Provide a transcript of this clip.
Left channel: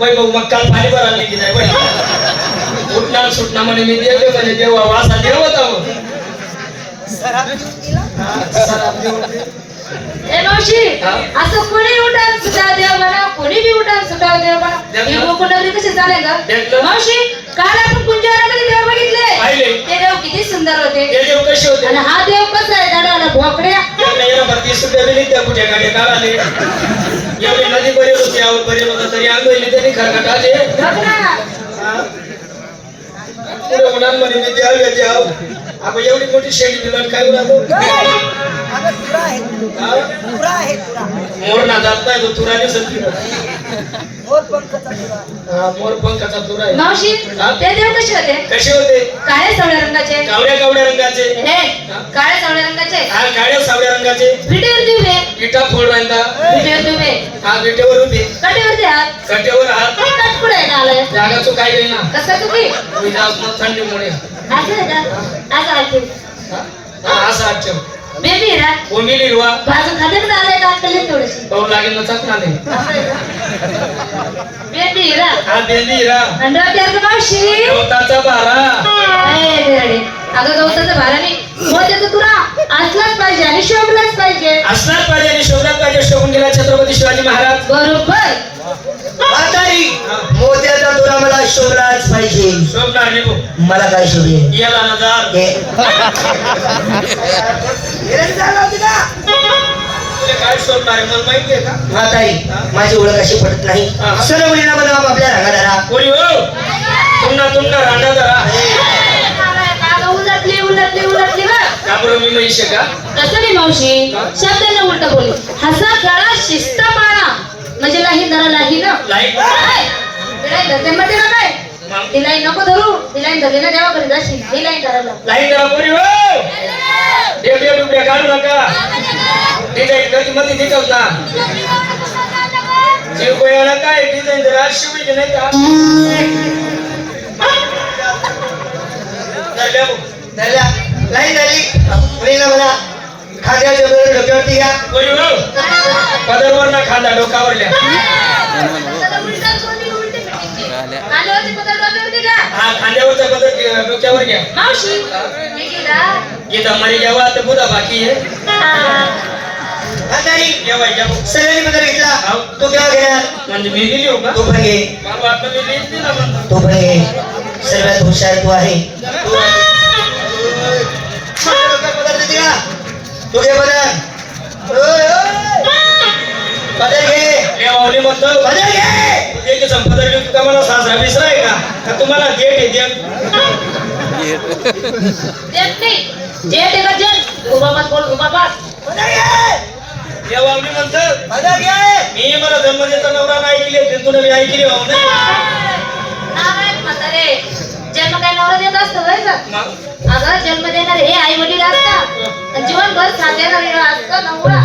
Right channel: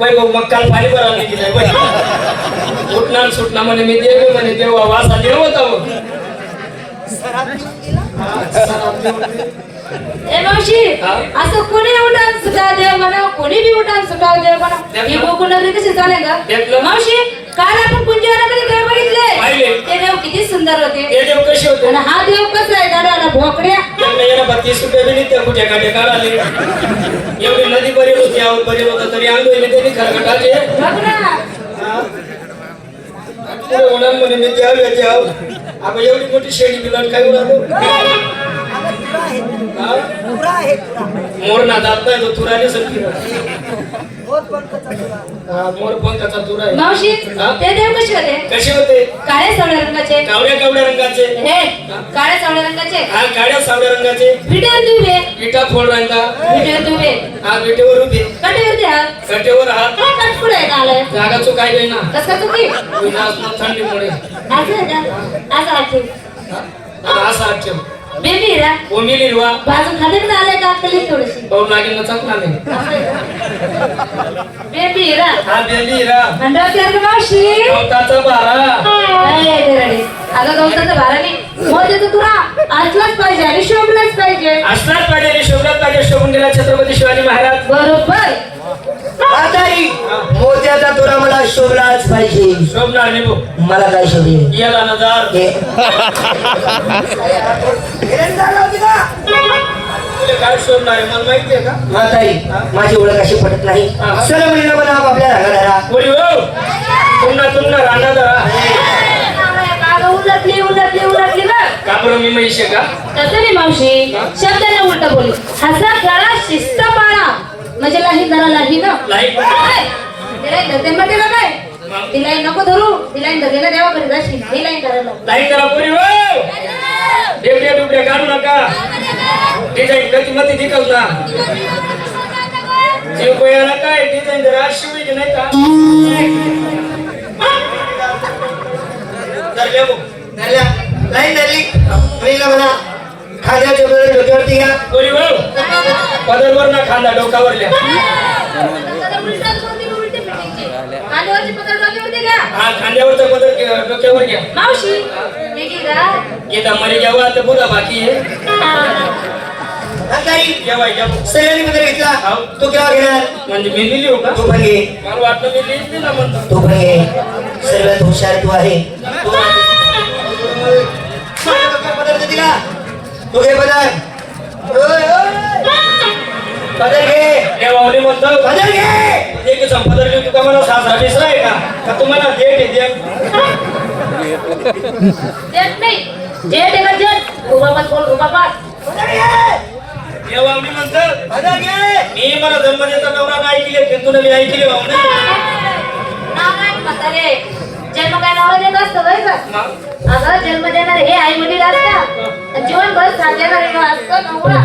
वैभव मग काल पाणी भरा गेली नाही वय उठणार सुटणार म्हणे मी देवे म्हणे देवा वासा देव होता. ए मावशी? असं कोणी उठान सुद्धा देव म्हणा कोणी बी उठान सुद्धा देव म्हणा देव ही म्हणा. गोकुंडारी कशी चालेल का देखलं. मावशी काल आपण कुंजारामध्ये देव बघितले पाहिले. ते देव किती सुंदर होते ते देव कसे होते आणि हा देव कसा आहे भोकड्या बत्तीस रुपये दिली त्या कुठे गाड्या काढाले एवढी नदी बरेल होती आवड बरेल होता तरी आंघोळीने त्यांनी खरकटाले बघ ना पुढे उन्हामध्ये मी द्याव या द्याव. आपण एवढी मोठी शेळी दिला काय उन्हालो मोर ना जात नाही तो तुरा दिसत हा मोर पंखाचा तुरा आहे? मावशी हा? ते देव कसे होते? कसे होते? काळ्या सावळ्या रंगाचे. कावड्या कावड्या रंगाचे. हे काळ्या सावळ्या रंगाचे. हा काळ्या रंगाचे. विटेवर तुबे विटा फोड रंगा. विटेवर तुबे हा विटेवर होते. आलाय? जागाचं काय नाही ना कसं तुम्ही थंडीमुळे असं आहे का? असं आहे. हा, असं आठ बेबी रा ओमिली हिरवा बाजू खाद्याकडे आलाय का पाऊल लागेल ना चाकला नाही हा बेली हिरा गवताचा बारा. असलाच पाहिजे आणि शोभलाच पाहिजे. असलाच पाहिजे आणि शोभला पाहिजे. शोभून गेला छत्रपती शिवाजी महाराज. बरोबर. म्हातारी मोत्याचा तुला मला शोभलाच पाहिजे. नाही भाऊ मला काय शोभेल याला हे. तुला काय शोभणार आहे मला माहिती आहे का? म्हातारी माझी ओळख अशी पडत नाही. चल महिना बनाव आपल्या रंगाला. कोणी हो. तुमना तुमना रांगा धरा. अगं, उलटली उलटली उलटली बघ का बरं मी नाही का? तसं नाही मावशी. शब्दाने उलट बोल. हसा शिस्त पाळा. म्हणजे लाही जरा लाही ना? धरते मध्ये ना काय? तिला नको धरू. तिला धरली ना देवाकडे जाशील. ही. करा हो काढू नका. डिझाईन कधी मध्ये निकल ना जीव गोयाला काय डिझाईन जरा शिवायची नाही का? नाही झाली महिना बना खाद्याच्या वेळेस डोक्यावरती घ्या. हो पदरवर ना खांदा डोकावरल्या हा खांद्यावरचा पदर डोक्यावर घ्या. मावशी मी गेला तर बोला बाकी आहे. मध्ये घेतला. तो केव्हा घेणार म्हणजे मी हो का? तो पण घे मला वाटलं मी दिली दिला म्हणतो तो पण घे सर्वात हुशार तू आहे. तू पदार्थ दिला तू घे पदार्थ ओय, ओय. पदार्थ घे. देवावली म्हणतो पदार्थ घे. ते की संपदर घेऊन तुका मला सासरा विसराय का का तुम्हाला गेट येते देत नाही. जेट येला जेट उभा बस बोल उभा बस. पदार्थ घे. देवावली म्हणतो पदार्थ घे. मी मला जन्म देता नवरा नाही ऐकली तिथून मी ऐकली म्हातारे जन्म काय नवरा देत असतो होय का? मग? अगं जन्म देणारे हे आई वडील असतात. जीवनभर हे असतं नवरा.